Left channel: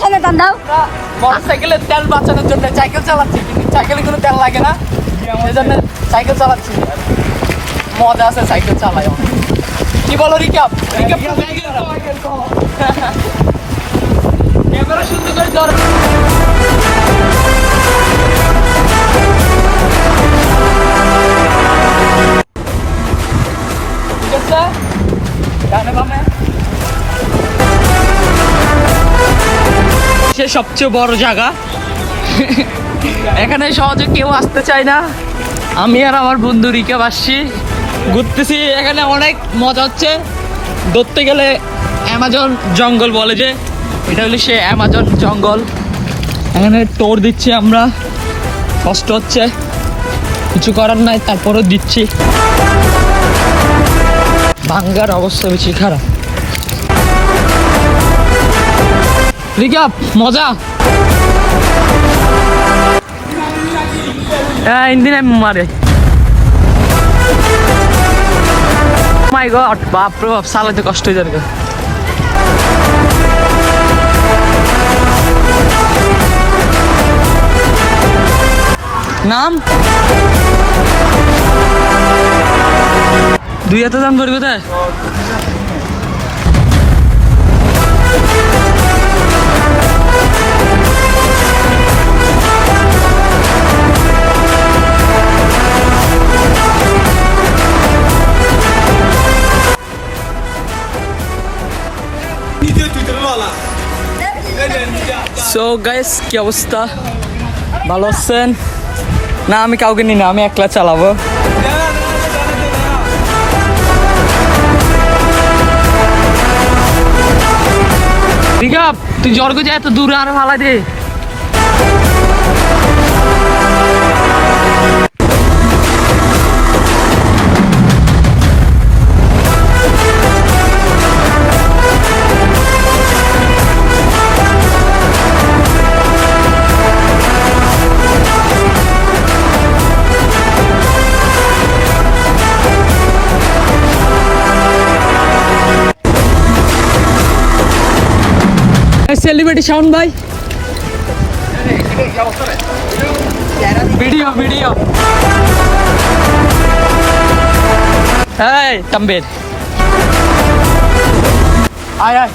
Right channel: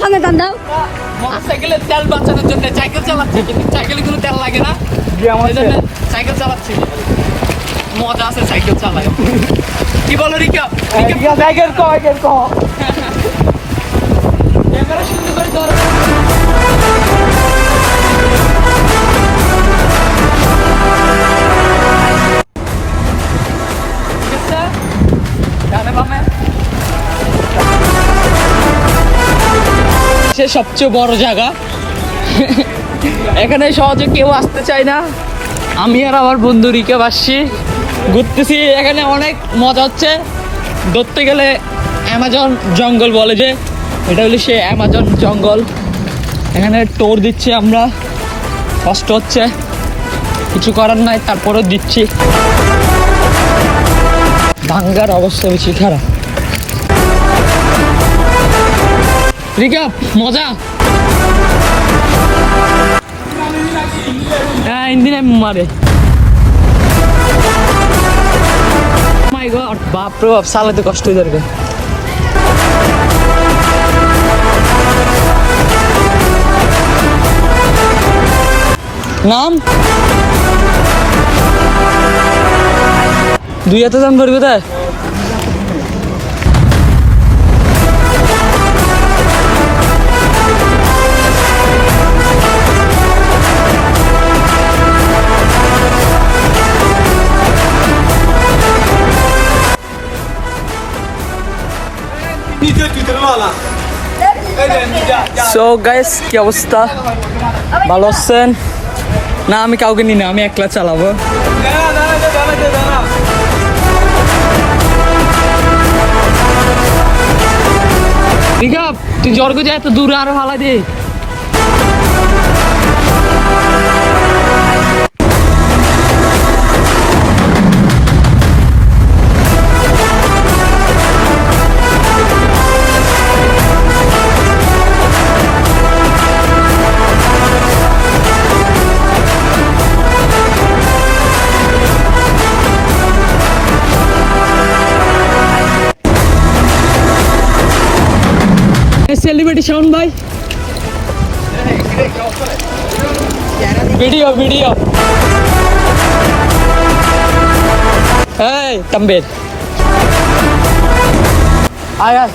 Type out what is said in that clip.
সামনে টান দাও। মোটরসাইকেলের তেল বাঁচানোর জন্য সাইকেল চালাচ্ছি, কিন্তু সাইকেলে কোনো তেল লাগে না, এই জন্য সাইকেল চালাচ্ছি। মজা আছে সাইকেল চালাই। কি বলো রিকাপ? ক্যামেরা শুটিং এর দরকার। সবচেয়ে বড় জায়গা, এখানে সহজে কেউ আসতে চায় না। আমি আর আমার বন্ধু রিকে আসছি, ঘুরতেছি। এখানে অনেক মজা হচ্ছে। ধরতে গেলে অ্যামাজন জঙ্গল বলে, যে এটা হলো সে অ্যামাজন জঙ্গল। এখানে টোর দিচ্ছি আমরা, কষ্ট হচ্ছে, কিছু করার নাই, তারপরেও দিচ্ছি। ভাঙ্গার অবস্থা বেশি খারাপ। রিকাপ মজা। ইন্দিন মারে মাই গড, বাপ রে বাপ, চালাতে কষ্ট হয়ে যাবে। নাম দুই হাতে দাম পড়বে তাই। সো গাইস, কি অবস্থা? ভালো আছেন? না, আমি কাউকে নিই না, আমি একলা চালাবো। রিকাপ, তুই জর্গ যায় এত দূরে, আরো ভালো দে। সেলিব্রিটি শাওন ভাই, ভিডিও ভিডিও। এই তাম্বের, আয় আয়।